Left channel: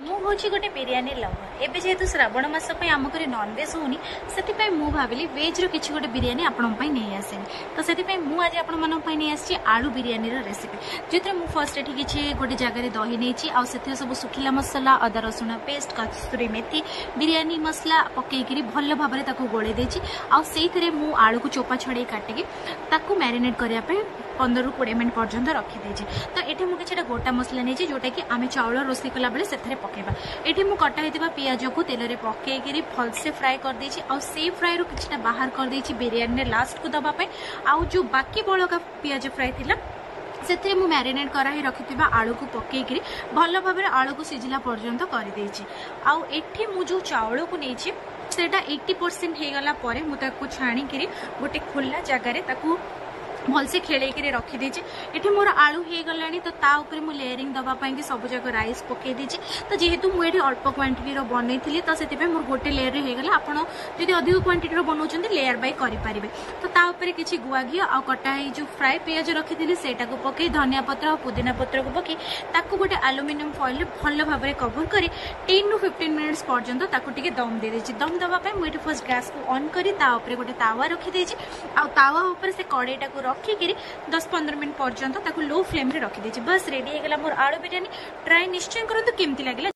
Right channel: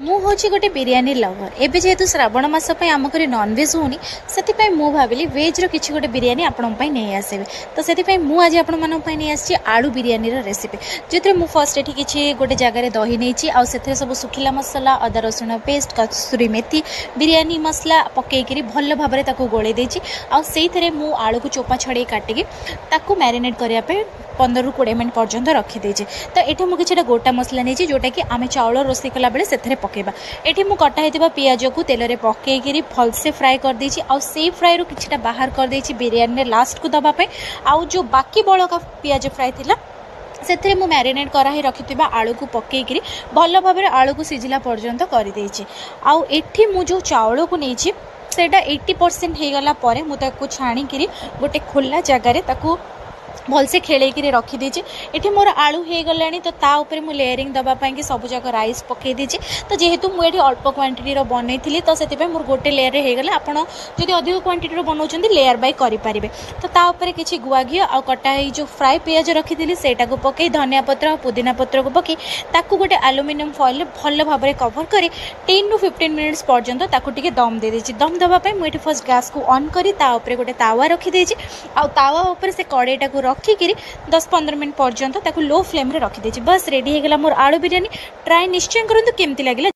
ମୁଁ ହେଉଛି ଗୋଟେ ବିରିୟାନୀ ଲଭର। ଏବେ ଯେହେତୁ ଶ୍ରାବଣ ମାସ ପାଇଁ ଆମ ଘରେ ନନଭେଜ୍ ହେଉନି, ସେଥିପାଇଁ ମୁଁ ଭାବିଲି ଭେଜ୍ର କିଛି ଗୋଟେ ବିରିୟାନୀ ଆପଣଙ୍କ ପାଇଁ ନେଇ ଆସିବି। ତ ସେଥିପାଇଁ ମୁଁ ଆଜି ଆପଣମାନଙ୍କ ପାଇଁ ନେଇ ଆସିଛି ଆଳୁ ବିରିୟାନୀର ରେସିପି, ଯେଉଁଥିରେ ମୁଁ ଫର୍ଷ୍ଟ ଏଠି କିଛି ଗୋଟେ ଜାଗାରେ ଦହି ନେଇଛି, ଆଉ ସେଥିରେ ସବୁ ଶୁଖିଲା ମସଲା, ଅଦା ରସୁଣ ପେଷ୍ଟ, କସୁରୀ ମେଥି, ବିରିୟାନୀ ମସଲା ପକାଇକିରି ଭଲ ଭାବରେ ତାକୁ ଗୋଳେଇ ଦେଇଛି। ଆଉ ସେଇଥିରେ ମୁଁ ଆଳୁକୁ ଚୋପା ଛଡ଼େଇ କାଟିକି ତାକୁ ମ୍ୟାରିନେଟ୍ କରିବା ପାଇଁ 15ରୁ 20 ମିନିଟ୍ ପର୍ଯ୍ୟନ୍ତ ରଖିଦେଇଛି। ତ ଏଠି ମୁଁ କିଛିଟା ଗୋଟା ମସଲା ନେଇଛି, ଯେଉଁଟାକି ଆମେ ଚାଉଳ ରୋଷେଇ କଲାବେଳେ ସେଥିରେ ପକାଇବା। ଏଠି ମୁଁ କଟା ହେଇଥିବା ପିଆଜକୁ ତେଲରେ ପକାଇକିରି ଭଲସେ ଫ୍ରାଏ କରିଦେଇଛି, ଆଉ ସେଇ ଫ୍ରାଏରୁ କିଛିଟା ବାହାର କରିଦେଇଛି ବିରିୟାନୀରେ ଲାଷ୍ଟକୁ ଦେବା ପାଇଁ। ଆଉ ଯେଉଁ ବାକି ବଳକା ପିଆଜ ଫ୍ରାଏ ଥିଲା ସେଥିରେ ମୁଁ ମ୍ୟାରିନେଟ୍ କରାହେଇ ରଖିଥିବା ଆଳୁକୁ ପକାଇକିରି ଭଲ ଭାବରେ ଆଳୁକୁ ସିଝିଲା ପର୍ଯ୍ୟନ୍ତ କରିଦେଇଛି। ଆଉ ଏଠି ମୁଁ ଯେଉଁ ଚାଉଳକୁ ନେଇଛି ସେଇଟା 80% ହେଇଗଲା ପରେ ମୁଁ ତାକୁ ଛାଣିକିରି ଗୋଟେ ଖୋଲା ଜାଗାରେ ତାକୁ भलसे खेलैकि रखीदी। ये मोर आलू हो गलानी, तो ता ऊपर मु लेयरिंग दबा पाई सब जाक राइस पकई दी। तो जेहेतु मुझे अल्प क्वांटिटी बनई थी, तो से मोर गोटे लेयर होगला। आप अधिक क्वांटिटी बनाऊँ लेयर बाय करेंगे। तो ता ऊपर किसी गुआ घी आ कटा जो फ्राए पियाज रखी से पकई धनिया पत्र और पुदीना पत्र को पकई ताकू गोटे एल्युमिनियम फॉइल भल भाव कवर कर 10 to 15 मिनट्स पर्यंत ताकू दम दे देछि। दम दवाई मुझे फर्स्ट गैस को ऑन करी गोटे तावा रखीदे। आ तावा ऊपर से कड़ईटा को रखिकी 10-15 मिनट पर्यंत लो फ्लेम रे रखीदे। बस रेडी हो गला मोर आलू बिरियानी। ट्राई निश्चय करंतु केमती लागिला।